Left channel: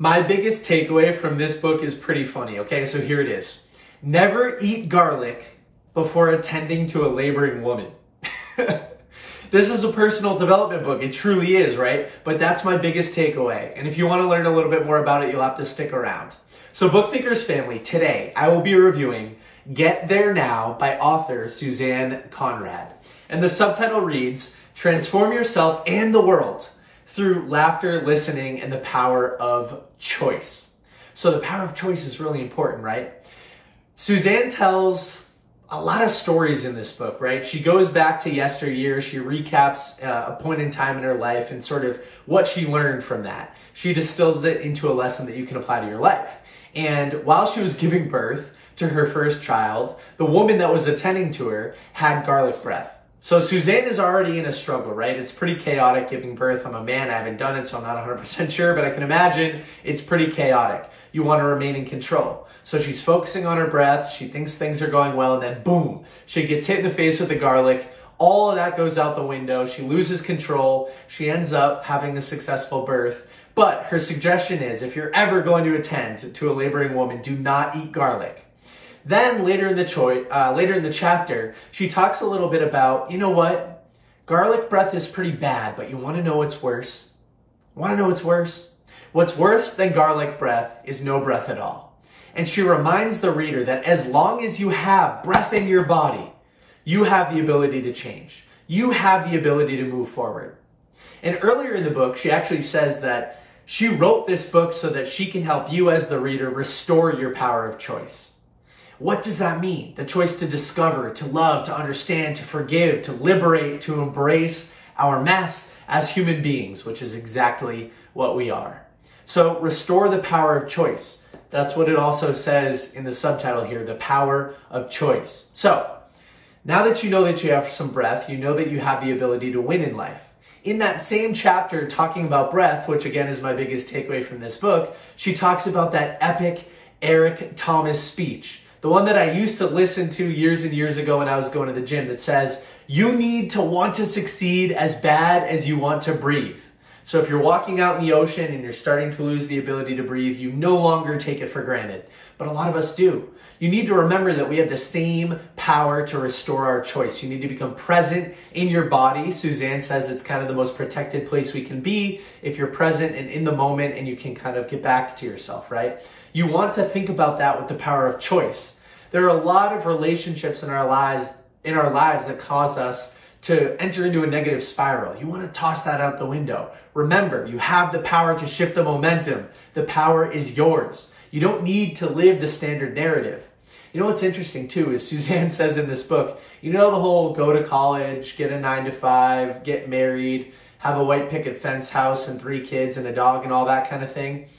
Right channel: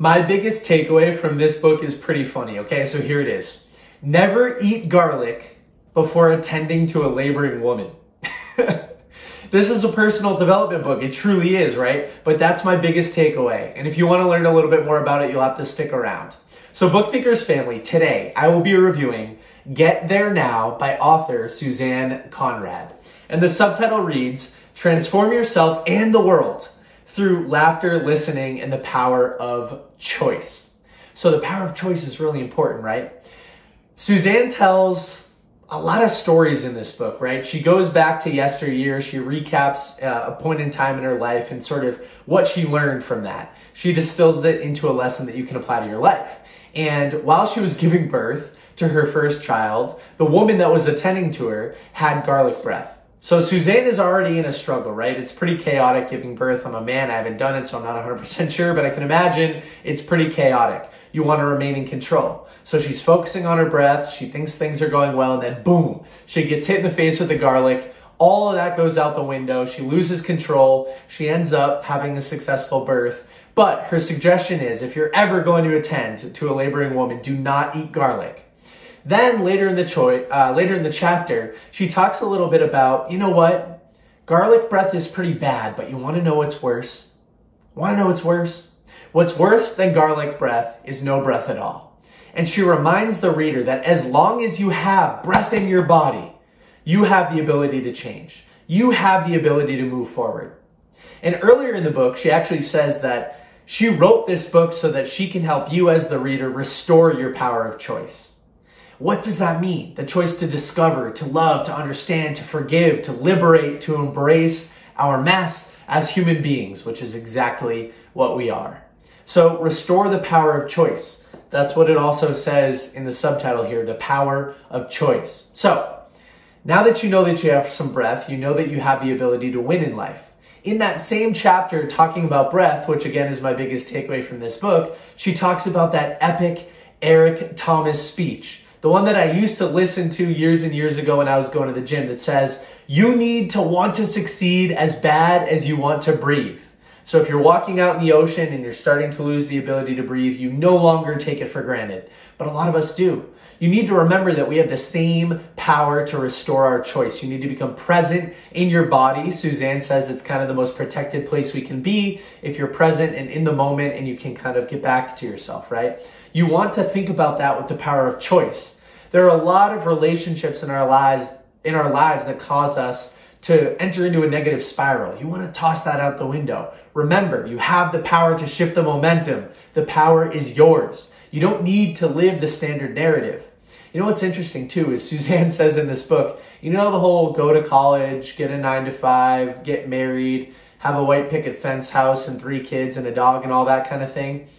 My biggest takeaway from this book is pretty funny, okay? So here it is. Never eat garlic before attending to a laboring woman. This is a personal development book. It truly is, right? But that's my biggest takeaway. And if you want to learn a little bit more about it, you'll have to stick around. So Book Thinkers family, today I will be reviewing Get There Now by author Susanne Conrad. And the subtitle reads, Transform Yourself and the World Through Laughter, Listening, and the Power of Choice. So the power of choice is really important, right? Susanne tells a lot of stories in this book, right? She goes back to yesteryear. She recaps a point in time in her life and sort of what she learned from that. She distills it into a lesson that you can apply to your life. And while she was giving birth to her first child, the woman that was attending to her had garlic breath. So Susanne is already in a struggle, right? It's pretty chaotic giving birth. I'm a man, I haven't done it, so I'm not 100% sure, but I can imagine it's pretty chaotic. You want to remain in control. So she's focusing on her breath. She thinks things are going well, and then boom, she gets hit in the face with the garlic. All of that goes out the window. She loses control. She ends up having a successful birth. But her suggestion is, if you're ever going to attend to a laboring woman, do not eat garlic. Then later in the chapter, she talks a little bit about, you know what? Garlic breath is pretty bad, but you want to know what's worse? Want to know what's worse? What's worse than garlic breath is no breath at all. And she reminds the reader that as long as you have breath in your body, you have the ability to change. You have the ability to move forward. And earlier in the book, she actually says that she wrote this book so that she can help you as the reader restore your power of choice. What does that mean? The choice to discover, to love, to understand, to forgive, to liberate, to embrace our mess as human beings, which is exactly what we are. So restore the power of choice. That's what it also says in the subtitle here, the power of choice. So now that you know that you have some breath, you know that you have the ability to win in life. In that same chapter talking about breath, which again is my biggest takeaway from this book, she talks about that epic Eric Thomas speech. The one that I used to listen to years and years ago when I was going to the gym that says, you need to want to succeed as bad as you want to breathe. So if you're walking out in the ocean and you're starting to lose the ability to breathe, you no longer take it for granted. But a lot of us do. You need to remember that we have the same power to restore our choice. You need to become present in your body. Susanne says it's kind of the most protected place we can be if you're present and in the moment and you can kind of get back to yourself, right? You want to think about that with the power of choice. There are a lot of relationships in our lives that cause us to enter into a negative spiral. You want to toss that out the window. Remember, you have the power to shift the momentum. The power is yours. You don't need to live the standard narrative. You know what's interesting too is Susanne says in this book, you know the whole go to college, get a 9-to-5, get married, have a white picket fence house and 3 kids and a dog and all that kind of thing.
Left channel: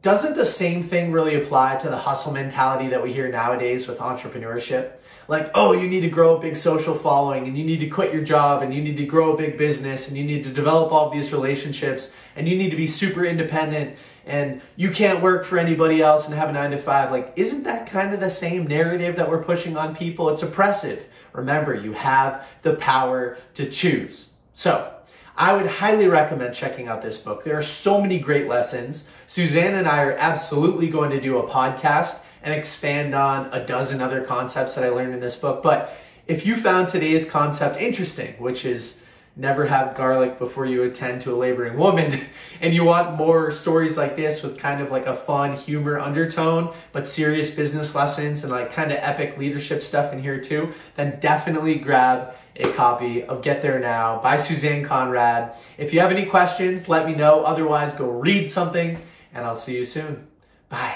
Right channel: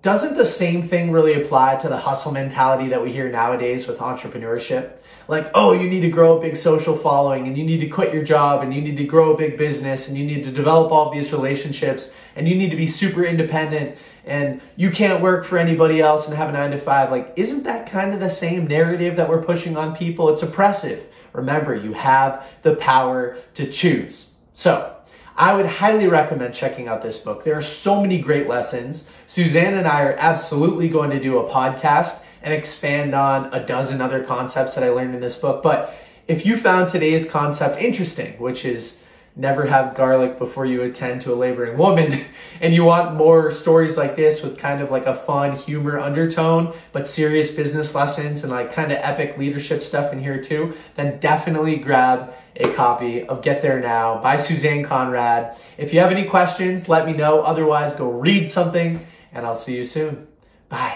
Doesn't the same thing really apply to the hustle mentality that we hear nowadays with entrepreneurship? Like, oh, you need to grow a big social following and you need to quit your job and you need to grow a big business and you need to develop all of these relationships and you need to be super independent and you can't work for anybody else and have a 9-to-5. Like, isn't that kind of the same narrative that we're pushing on people? It's oppressive. Remember, you have the power to choose. So I would highly recommend checking out this book. There are so many great lessons. Susanne and I are absolutely going to do a podcast and expand on a dozen other concepts that I learned in this book. But if you found today's concept interesting, which is never have garlic before you attend to a laboring woman, and you want more stories like this with kind of like a fun humor undertone, but serious business lessons and like kind of epic leadership stuff in here too, then definitely grab a copy of Get There Now by Susanne Conrad. If you have any questions, let me know. Otherwise, go read something and I'll see you soon. Bye.